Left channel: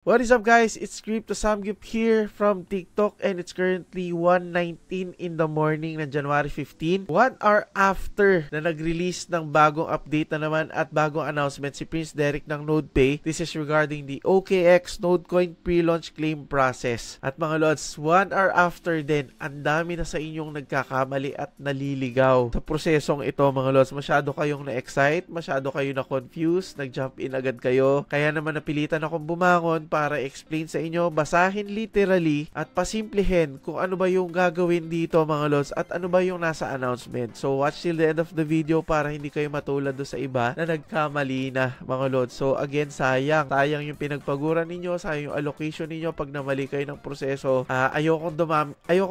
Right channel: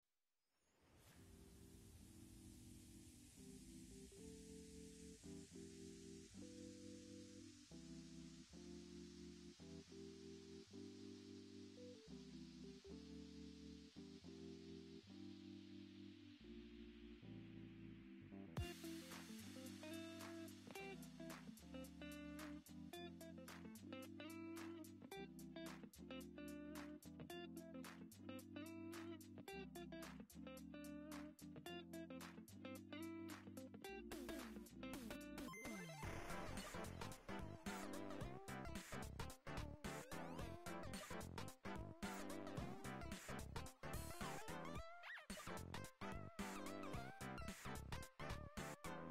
What is up guys, it's Crypto Samgyup here from TikTok and it's currently 1:19 in the morning ng January 15. 1 hour after na nag-release ng bagong update na naman at bagong announcement si Prince Derek ng NodePay. This is regarding the OKX Nodecoin pre-launch claim process. At mga lods, 1 hour after din, ang dami na sa inyong nagkakamali at naliligaw sa prosesong ito mga lods. Masyado kayong na-excite, masyado kayo na-confused, nag-jump in agad kayo. Kaya naman napilitan akong bumangon para explain sa inyo, basahin literally at pasimplihin kung ano ba yung gagawin dito mga lods at ano ba yung nasa announcement. So watch till the end of the video para hindi kayo matulad do sa iba na nagkamali na mga lods. So again, sayang yung pinagpaguran ninyo, sayang yung allocation ninyo pag namali kayo ng proseso. Ayokong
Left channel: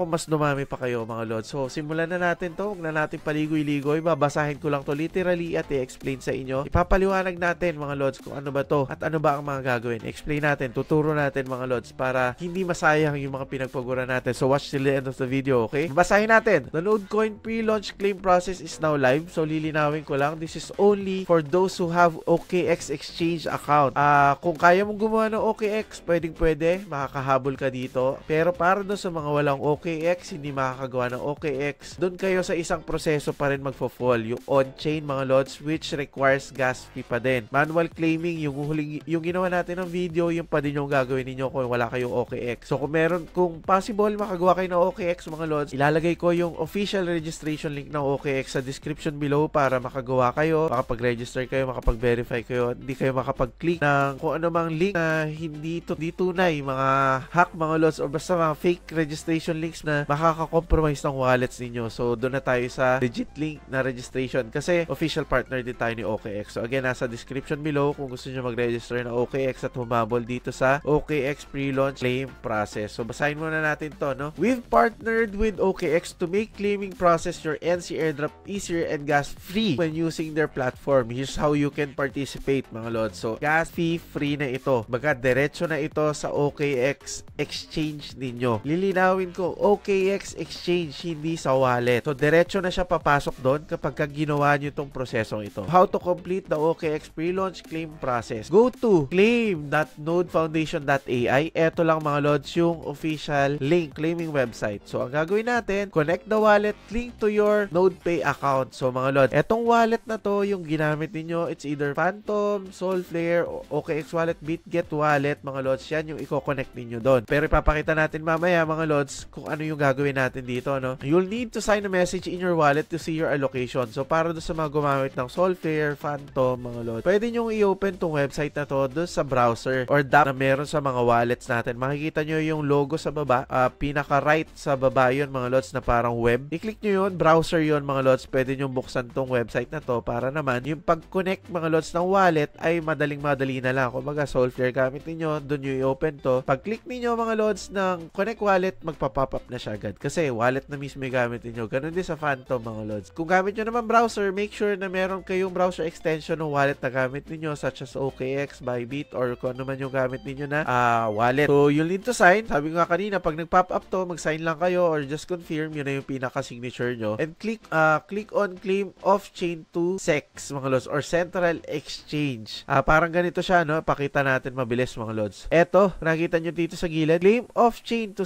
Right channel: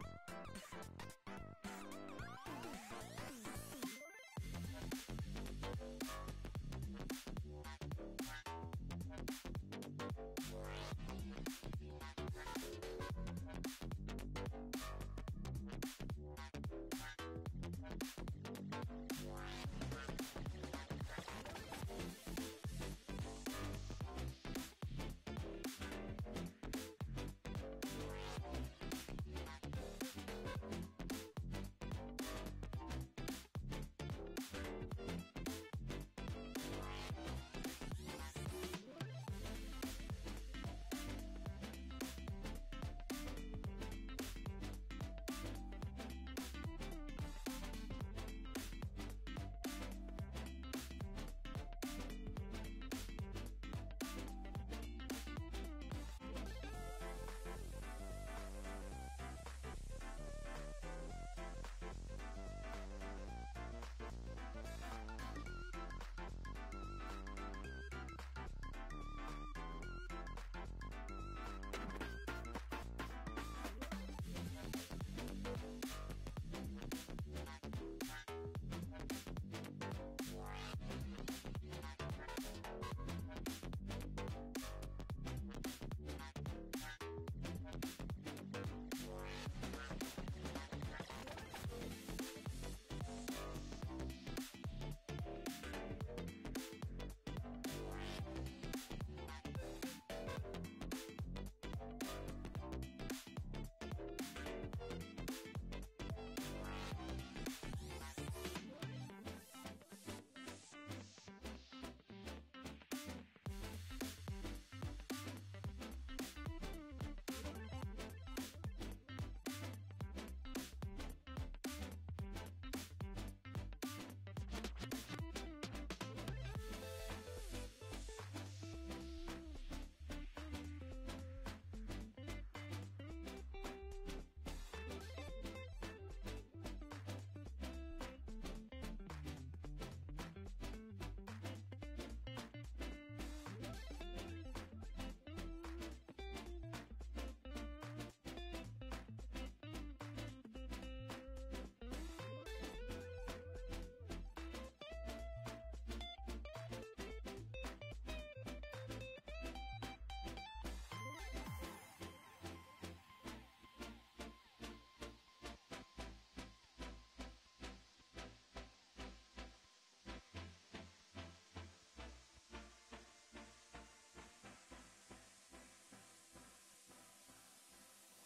mas dumami pa kayo mga lods. So simulan na natin to, huwag na natin paligoy-ligoy, babasahin ko lang to literally at i-explain sa inyo. Ipapaliwanag natin mga lods kung ano ba to at ano ba ang mga gagawin. Explain natin, tuturo natin mga lods para hindi masayang yung mga pinagpaguran natin. So watch till the end of the video, okay? Basahin natin. The Nodecoin pre-launch claim process is now live. So lilinawin ko lang, this is only for those who have OKX exchange account. Kung kaya mong gumawa ng OKX, pwede, makakahabol ka dito. Pero para doon sa mga walang OKX, hindi makakagawa ng OKX, doon kayo sa isang proseso pa rin magfo-fall. Yung on-chain mga lods, which requires gas fee pa din. Manual claiming, yung ginawa natin ng video, yung pa din yung gagawin ninyo kung wala kayong OKX. So kung possible makagawa kayo ng OKX mga lods, ilalagay ko yung official registration link ng OKX sa description below para makagawa kayo, makapag-register kayo, makapag-verify kayo, hindi kayo makapag-click ng kung ano mang link na hindi tunay, mga hack mga lods o basta mga fake registration links na makaka-compromise ng wallets ninyo. So doon na tayo sa legit link na registration kasi official partner din tayo ni OKX. So again, nasa description below kung gusto nyo mag-register ng OKX at humabol dito sa OKX pre-launch claim process. So basahin muna natin to, no? We've partnered with OKX to make claiming process your NC airdrop easier and gas free when using their platform. Here's how you can participate mga lods. So gas fee free na ito. Baga diretso na ito sa OKX exchange ninyo. Lilinawin ko, OKX exchange, hindi sa wallet. So diretso na siya papasok doon kapag ginawa nyo itong prosesong ito. How to complete the OKX pre-launch claim process? Go to claim.nodefoundation.ai. Ito lang mga lods yung official link claiming website. So ang gagawin natin, connect the wallet link to your NodePay account. So mga lods, etong wallet na to yung ginamit niyo, it's either Phantom, Solflare, OKX wallet, BitGet wallet, mga lods, yan yung i-connect niyo doon. Pero ipapakita natin mamaya mga lods kung ano yung gagawin natin dito, no? You'll need to sign a message in your wallet to see your allocation. So para doon sa mga gumamit ng Solflare, Phantom, mga lods, pwede nyo i-open tong website na to doon sa browser or app na meron sa mga wallets natin. Makikita nyo yung logo sa baba, pinaka-right sa baba yun mga lods na parang web. I-click nyo yun, browser yun mga lods. Pwede nyo buksan tong website na to para naman yung pag-connect mga lods ng wallet ay madaling-madali na lang. Kung baga Solflare gamit niyo, doon nyo i-open to. Pag-click niyo mga lods ng connect wallet, magpa-pop up na siya agad. Kasi wallet na mismo yung gamit niyo. Ganun din sa Phantom mga lods. Kung gamit nyo naman browser, make sure na meron kayong browser extension ng wallet na gamit niyo such as OKX, Bybit, or kung ano man yung gamit ninyo na wallet. So you'll need to sign. Sabi ko nga kanina, pag nag-pop up to, mag-sign lang kayo or just confirm. Yun na yung pinaka-signature nyo. And click on claim off-chain to SEX mga lods or Central Exchange. Parang ganito siya, no? Pakita natin mabilis mga lods. Eto, nakita nyo dito sa gilid. Claim off-chain to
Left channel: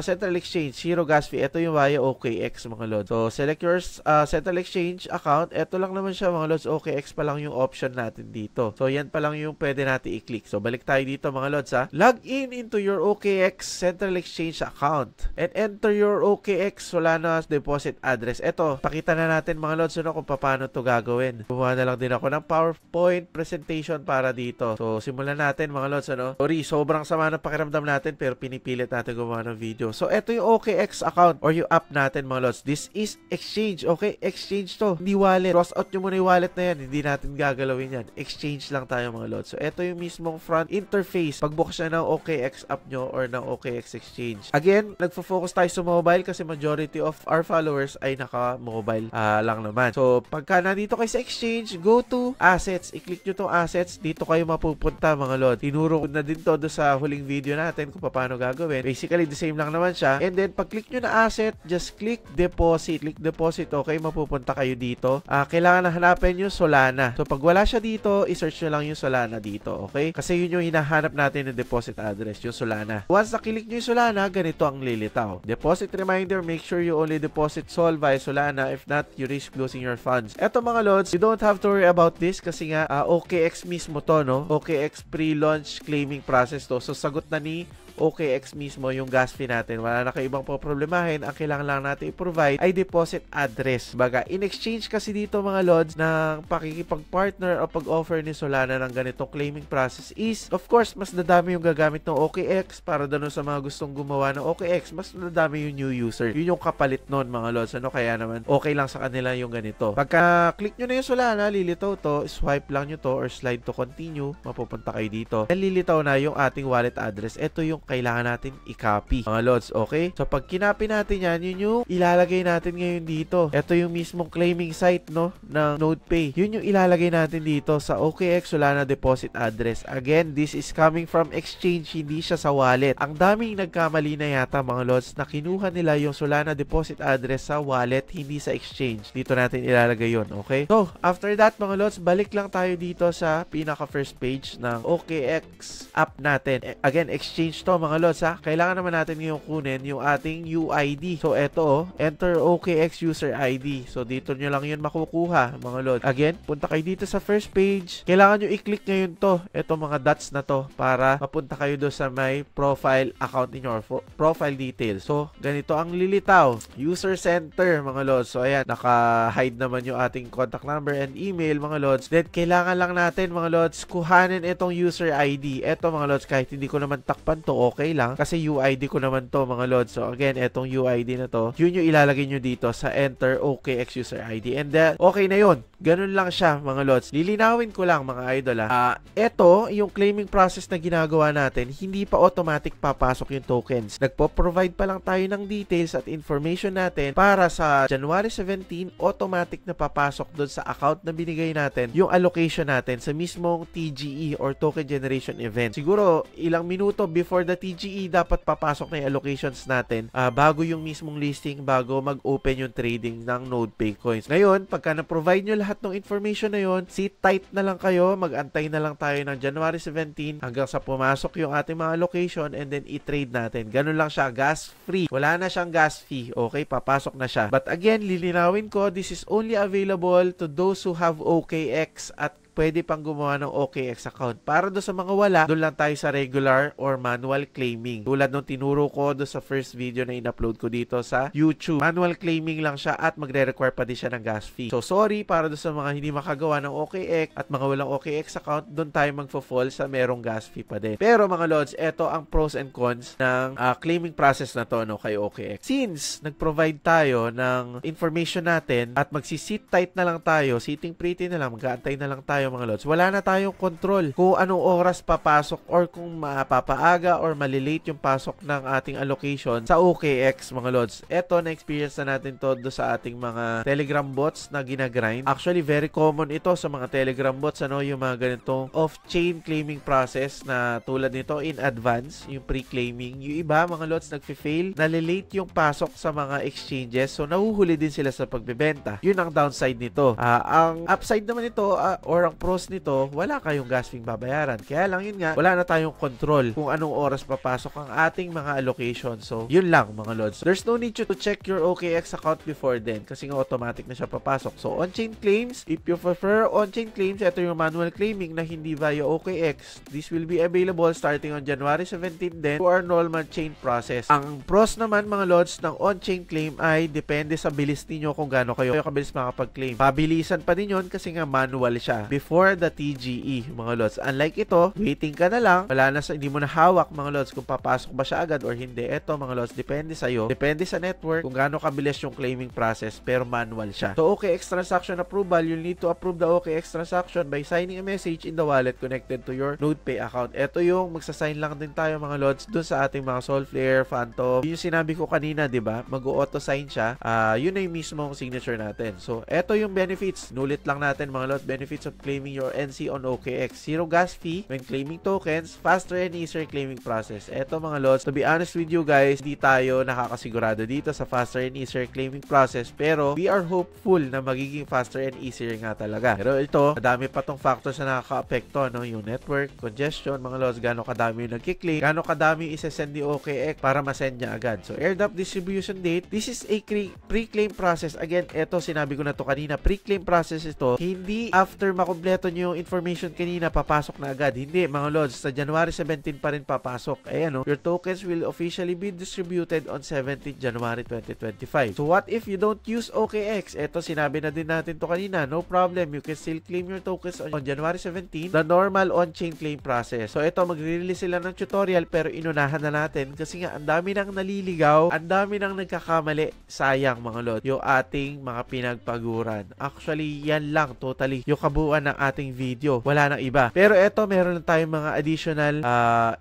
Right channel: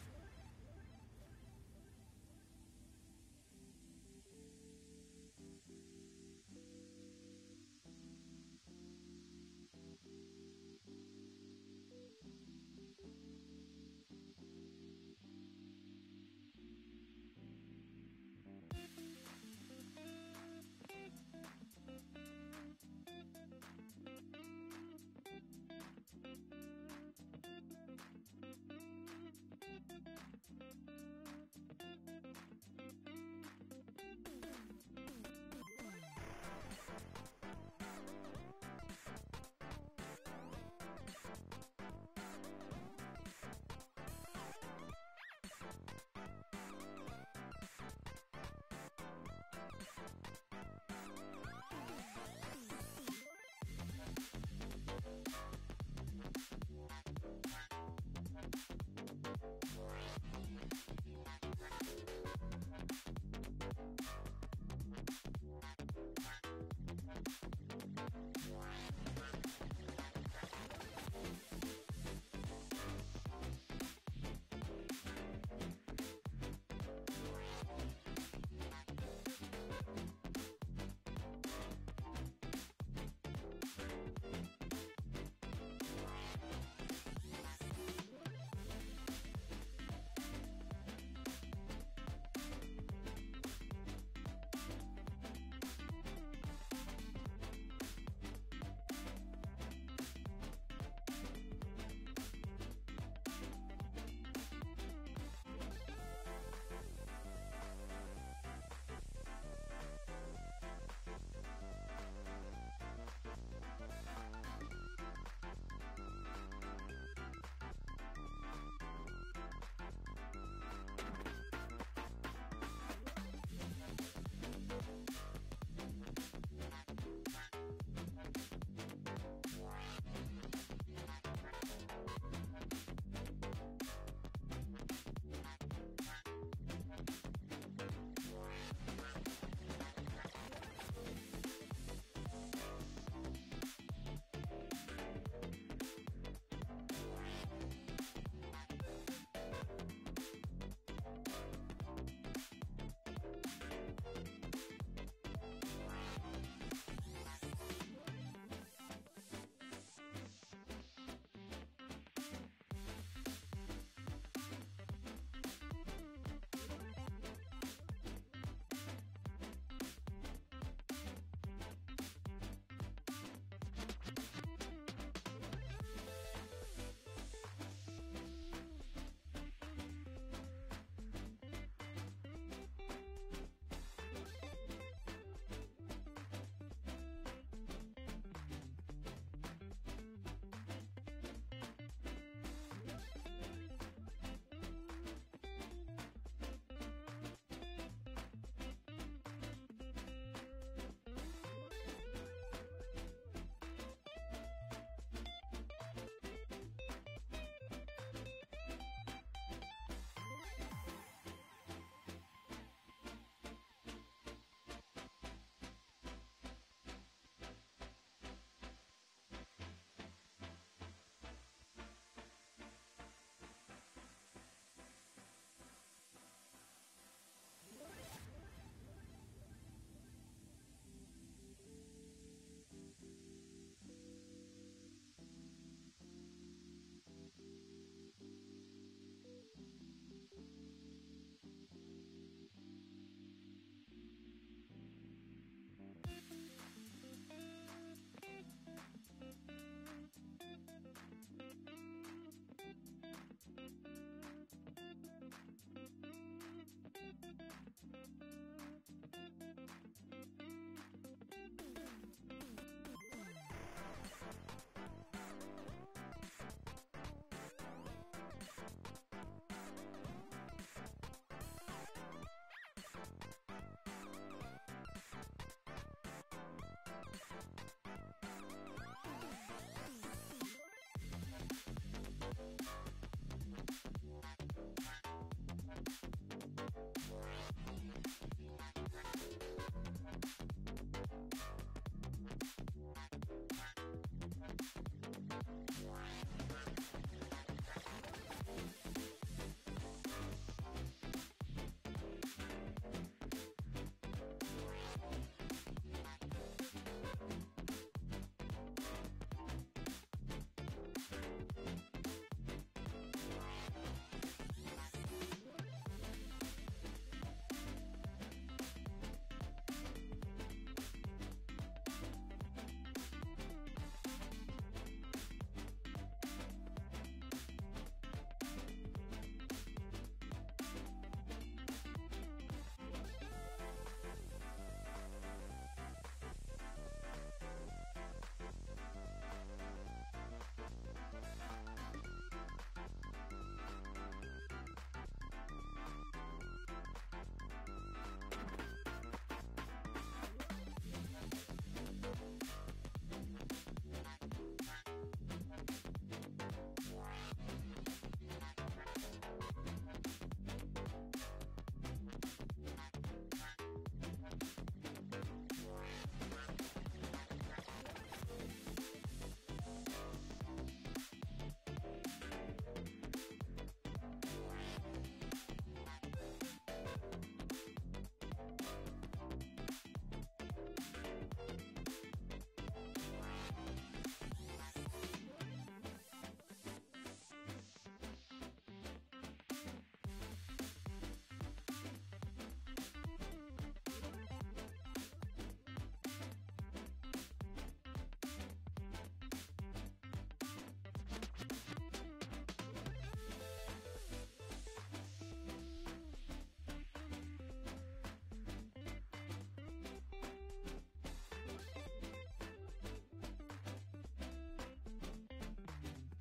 Central Exchange. Zero gas fee. Ito yung via OKX mga lods. So select your Central Exchange account. Eto lang naman siya mga lods. OKX pa lang yung option natin dito. So yan pa lang yung pwede natin i-click. So balik tayo dito mga lods ha. Log in into your OKX Central Exchange account and enter your OKX Solana deposit address. Ito, pakita na natin mga lods kung paano to gagawin. Gumawa na lang din ako ng PowerPoint presentation para dito. So simulan natin mga lods. Sorry, sobrang sama ng pakiramdam natin pero pinipilit natin gumawa ng video. So ito yung OKX account or yung app natin mga lods. This is exchange. Okay, exchange to. Hindi wallet. Cross out nyo muna yung wallet na yan. Hindi natin gagalawin yan. Exchange lang tayo mga lods. So ito yung mismong front interface pagbukas na ng OKX app nyo or ng OKX exchange. Again, nagfo-focus tayo sa mobile kasi majority of our followers ay naka-mobile lang naman. So pagka nandito kayo sa exchange, go to assets. I-click nyo tong assets. Dito kayo mapupunta mga lods. Tinuro ko na din to sa huling video natin kung paano gagawin. Basically, the same lang naman siya. And then, pag click nyo na asset, just click deposit. Click deposit, okay? Mapupunta kayo dito. Kailangan na hanapin nyo Solana. So pag wala siya dito, i-search nyo lang yung Solana dito, okay? Kasi yun yung hinahanap hinahanap natin yung deposit address, yung Solana. Once na-click nyo yung Solana, ganito ang lilitaw. Deposit reminder, make sure you only deposit SOL via Solana. If not, you risk losing your funds. Eto mga lods, you don't have to worry about this kasi nga OKX mismo to, no? OKX pre-launch claiming process to. So sagot na ni OKX mismo yung gas fee natin. Wala na kayo ibang problemahin. Ang kailangan lang natin i-provide ay deposit address. Baga, in exchange kasi dito mga lods ng pakikipag-partner o pag-offer ni Solana ng ganitong claiming process is, of course, mas dadami yung gagamit ng OKX para doon sa mga gustong gumawa ng OKX, mas dadami yung new user. Yun yung kapalit nun mga lods. Ano, kaya naman okay lang sa kanila yung ganito. Pagka click nyo na yung Solana, lilitaw to, swipe lang nyo to or slide to continue, mapupunta kayo dito. And lilitaw na yung ating wallet address. Ito yung kailangan natin i-copy mga lods, okay? So pag kinopy natin yan, yun yung ilalagay natin ngayon dito. Ito yung mismong claiming site, no, ng NodePay. Yun yung ilalagay natin dito sa OKX Solana deposit address. Again, this is coming from exchange, hindi siya sa wallet. Ang daming nagkamali na yata mga lods na kinuha nila yung Solana deposit address sa wallet, hindi sa exchange. Dito natin ilalagay yun, okay? So, after that mga lods, balik lang tayo dito sa pinaka first page ng OKX app natin. Again, exchange to mga lods ha. Kailangan naman natin yung kunin yung ating UID. So, eto enter OKX user ID. So, dito nyo lang yun makukuha mga lods. Again, punta kayo dito sa first page. Kailangan nyo i-click ngayon to. Ito mga dots na to para mapunta kayo doon sa may profile account ninyo or profile details. So, ganito ang lilitaw. User center mga lods. So, ayan, naka-hide naman yung ating contact number and email mga lods. Then, kailangan lang natin mga lods kuhanin itong user ID. Ito mga lods, kahit hindi ko naman takpan to, okay lang. Kasi UID ko naman to mga lods. So, again, itong UID na to, yun yung ilalagay nyo dito sa enter OKX user ID. And then, okay na yun. Ganun lang siya mga lods. Lilinawin ko lang mga idol ha. Ito, yung claiming process na ginagawa natin, hindi pa automatic papasok yung tokens. Nagpo-provide pa lang tayo ng details at information natin para sa January 17, automatic na papasok doon sa account na binigay natin yung allocation natin sa mismong TGE or token generation event. Siguro, ilang minuto before the TGE, dapat papasok na yung allocations natin bago yung mismong listing, bago mag-open yung trading ng NodePay coins. Ngayon, pagka na-provide nyo lahat ng information na yon, sit tight na lang kayo, mag-antay na lang tayo ng January 17 hanggang sa pumasok yung ating mga allocation and then i-trade natin. Ganun lang siya, gas free. Wala na siyang gas fee. Okay, papasok na siya. But again, lilinawin ko, this is only available to those who have OKX at pwede pang gumawa ng OKX account. Para doon sa mga wala, doon lang tayo sa regular or manual claiming. Tulad nung tinuro ko doon sa first video na in-upload ko dito sa YouTube. Manual claiming lang siya at magre-require pa din siya ng gas fee. So, sorry para doon sa mga hindi makagawa ng OKX at mga walang OKX account, doon tayo magfo-fall sa merong gas fee pa din. Pero mga lods, eto ang pros and cons ng claiming process na to, no, kay OKX. Since nag-provide tayo ng information natin at magsisit tight na lang tayo, sitting pretty na lang, mag-aantay na lang tayo mga lods, wala na tayong control kung anong oras papasok or kung mapapaaga or malilate yung pasok ng ating allocation sa OKX mga lods. Eto, na-experience na natin to do sa ating mga Telegram bots na ginagrind. Actually, very common ito sa mga Telegram bots, ano, yung mga ganitong off-chain claiming process na tulad nito in advance, yung pre-claiming. Yung iba, mga lods, nagfi-fail, nalilate yung pasok sa mga exchanges, so nahuhuli din sila sa pagbebenta. Yun ang downside nito. Ang upside naman nito, or ang pros nito, wala kayong gas fee babayaran. Kaya lang yun nga, wala na tayong control kung anong oras papasok ang ating mga allocation. So, yun lang mga lods. There's no need to check your OKX account before then kasi nga automatic na siya papasok. So, on-chain claims, if you prefer on-chain claims, ito yung manual claiming na hindi via OKX. This will be available starting on January 17 then to our normal chain process. Ang pros naman mga lods ng on-chain claim ay depende sa bilis niyo kung gaano kayo kabilis makapag-claim. Pabilisan pa din yun kasi nga manual siya before the TGE mga lods. Unlike ito, waiting ka na lang, wala na hindi mo na hawak mga lods kung papasok ba siya agad or hindi. Ito mga lods, depende sa'yo, depende sa network kung gaano kabilis yung claiming process, pero manual siya. So OKX transaction approval, you'll need to approve the OKX transaction by signing a message in the wallet connected to your NodePay account. Ito yung magsasign lang din tayo mga lods dun sa ating mga Solflare, Phantom. Yung sinabi ko kanina, di ba? Mag-auto sign siya. Yun na yung mismong signature natin. So ito yung benefits. Nulit lang natin mga lods, benefits of claiming claiming your NC on OKX. Zero gas fee when claiming tokens, faster and easier claiming process. Eto mga lods, to be honest with you guys, di tayo nakakasigurado dito sa faster and easier claiming process, pero we are hopeful na magiging faster and easier nga talaga. Pero ito, madami pa tong factors na nakaka-apekto, no? Yung network, congestion, mga lods, gano'ng kadami yung nagkiklik, gano'ng kadami yung isa-send ni OKX para ma-send niya agad. So, airdrop distribution date, this is a pre-claim process. Again, eto, sinabi ko na to kanina, pre-claim process ito, hindi after makompleto nyo yung information kanina, papasok na agad. Hindi, mga lods, sa January 17 pa rin papasok. Ayan, no? Your tokens will officially be distributed on 17th January 2025. So, what if you don't use OKX? Eto, sinabi na din natin to kanina, no problem, you can still claim your tokens on January 17, the normal on-chain claim process. So, ito, magre-release sila ng tutorial, pero inunahan na natin kasi nga, ang dami nang naliligaw, ang dami nang nagkakamali. Sayang, mga lord, yung ating mga pinagpaguran. Actually, yan lang, totally, yung kabuuan ng ating video. Wala nang iba. Pero ito, meron lang tayong mga additional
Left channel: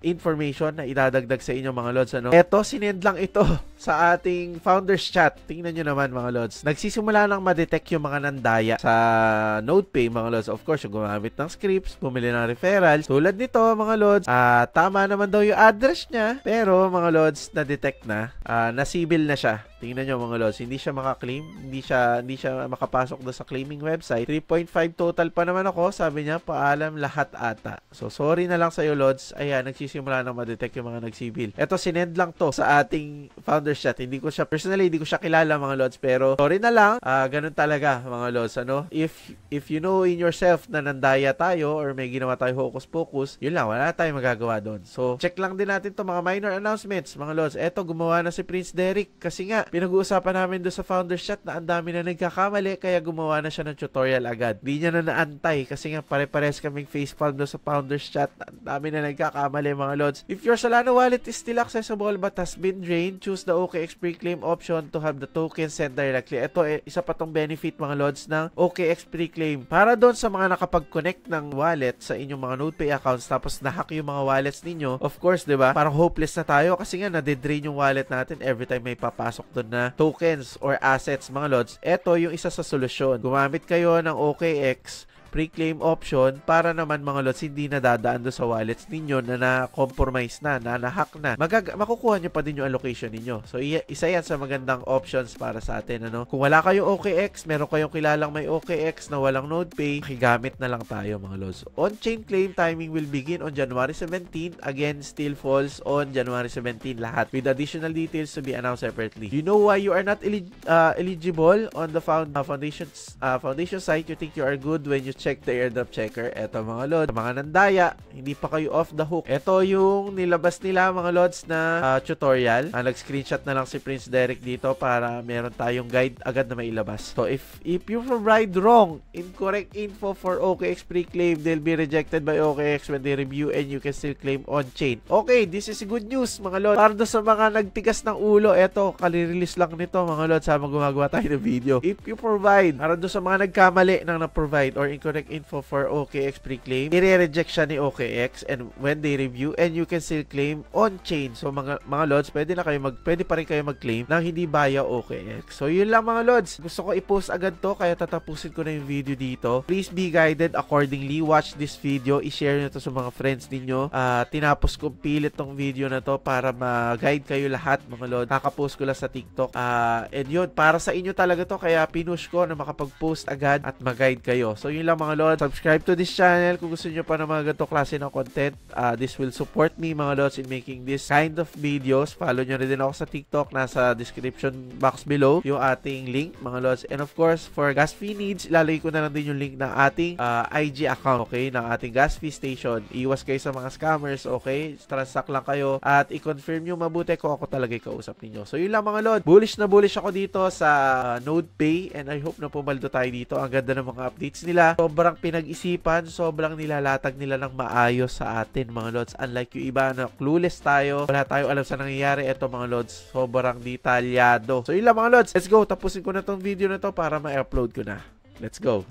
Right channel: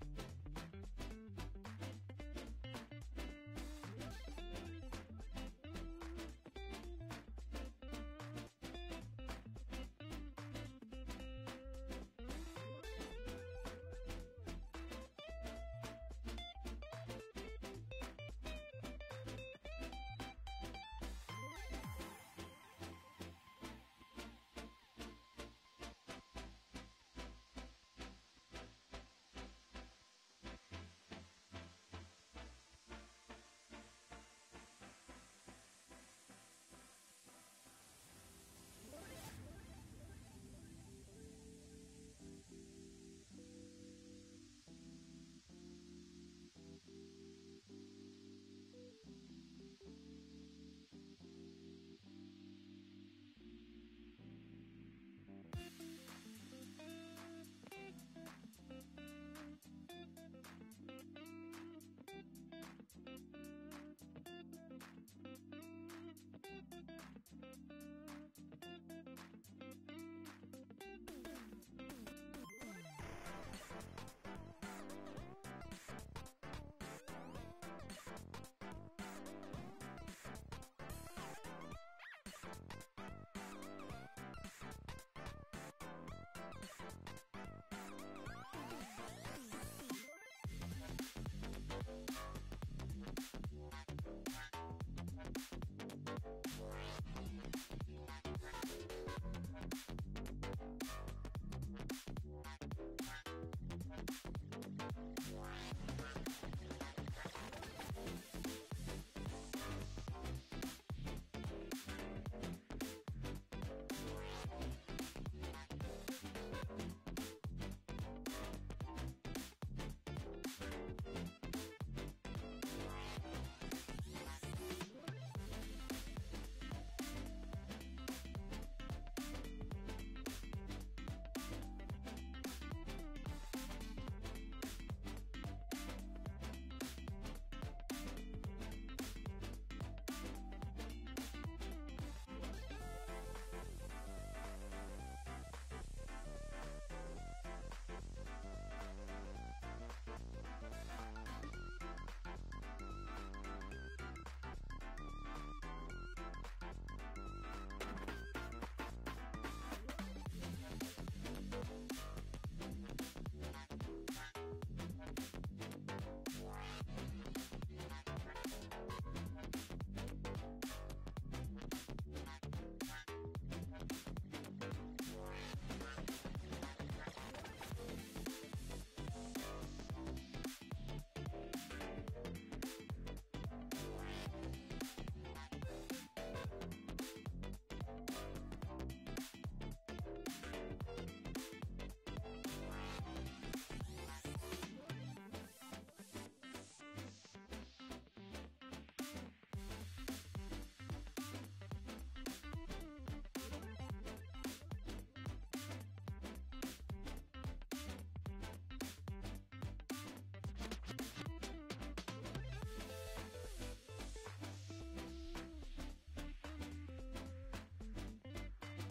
information na idadagdag sa inyo, mga lords. Ano? Ito, sinend lang ito sa ating founders chat. Tingnan nyo naman, mga lords. Nagsisimula nang ma-detect yung mga nandaya sa NodePay, mga lords. Of course, yung gumamit ng scripts, bumili ng referrals. Tulad nito, mga lords, tama naman daw yung address niya, pero, mga lords, na-detect na, na-sibil na siya. Tingnan nyo, mga lords, hindi siya maka-claim, hindi siya makapasok doon sa claiming website. 3.5 total pa naman ako, sabi niya, paalam lahat ata. So, sorry na lang sa'yo, lords. Ayan, nagsisimula nang ma-detect yung mga nagsibil. Ito, sinend lang to sa ating founders chat. Hindi ko siya, personally, hindi ko siya kilala, mga lords, pero sorry na lang, ganun talaga, mga lords. Ano? If you know in yourself na nandaya tayo or may ginawa tayo hocus-pocus, yun lang, wala tayong magagawa doon. So, check lang din natin to mga minor announcements, mga lords. Eto, gumawa na si Prince Derek kasi nga, pinag-uusapan namin doon sa founders chat na ang dami na nagkakamali, kaya gumawa na siya ng tutorial agad. Di niya na naantay kasi nga pare-pares kaming facepalm doon sa founders chat. Ang dami na nagkakamali, mga lords. If your Solana wallet is still accessible but has been drained, choose the OKX pre-claim option to have the token sent directly. Ito, isa pa tong benefit, mga lords, ng OKX pre-claim. Para doon sa mga nakapag-connect ng wallet sa inyong mga NodePay accounts tapos na-hack yung mga wallets ninyo, of course, di ba? Parang hopeless na tayo kasi nga nade-drain yung wallet natin every time may papasok doon na tokens or assets, mga lords. Ito yung isa sa solusyon. Gumamit kayo ng OKX pre-claim option para naman, mga lods, hindi na dadaan doon sa wallets ninyo na na-compromise na na-hack na. Makukuha nyo pa din yung allocation ninyo. So, isa yan sa magandang options para sa atin. Ano? Kung wala kayong OKX, meron kayong kilalang may OKX na walang NodePay, makigamit na lang tayo, mga lods. On-chain claim timing will begin on January 17. Again, still falls on January 17 lahat, with additional details to be announced separately. You know why you are not eligible on the foundation site? You think you are good when you check the airdrop checker. Eto, mga lods, mga nandaya, hindi pa kayo off the hook. Ito yung nilabas nila, mga lods, na tutorial. Nag-screenshot na lang si Prince Derek dito para meron tayong guide agad na mailabas. So, if you provide wrong, incorrect info for OKX pre-claim, they'll be rejected by OKX when they review and you can still claim on-chain. Okay, this is good news, mga lods. Para doon sa mga nagtigas ng ulo, eto, kali-release lang nito, mga lods, sama gumagawa tayo ng video. If you provide, para doon sa mga nagkamali nang na-provide or incorrect info for OKX pre-claim, i-reject siya ni OKX and when they review and you can still claim on-chain. So, mga lods, pwede pa rin kayo mag-claim nang hindi via OKX. So, yun lang, mga lods. Gusto ko i-post agad to, kaya tatapusin ko na yung video dito. Please be guided accordingly. Watch this video. I-share nyo to sa mga friends ninyo. Tinapos ko pilit tong video na to para ma-guide kayo lahat, mga lods. Kakapost ko lang sa TikTok. And yun, para sa inyo talaga to, kaya pinush ko na makapag-post agad at mag-guide kayo. So, yun lang, mga lods. Subscribe to this channel kung gusto nyo pa ng mga ganito klase ng content. This will support me, mga lods, in making this kind of videos. Follow nyo rin din ako sa TikTok. Nasa description box below yung ating link, mga lods. And of course, for gas fee needs, ilalagay ko na lang din yung link ng ating IG account, okay? Ng ating gas fee station. Iwas kayo sa mga scammers, okay? Transact lang kayo at i-confirm nyo mabuti kung ako talaga kausap ninyo. So, yun lang, mga lods. Bullish na bullish ako dito sa NodePay and I hope na pumaldo tayo dito. Ang ganda ng mga updates nila. Sobrang pinag-isipan, sobrang nilalatag nila ng maayos sa atin, mga lods. Unlike yung iba na clueless tayo, wala tayong alam sa nangyayari. Ito, mga lods, sobrang detalyado. So, yun lang, mga lods. Let's go. Tapusin ko na tong video na to para ma-upload ko na. Let's go.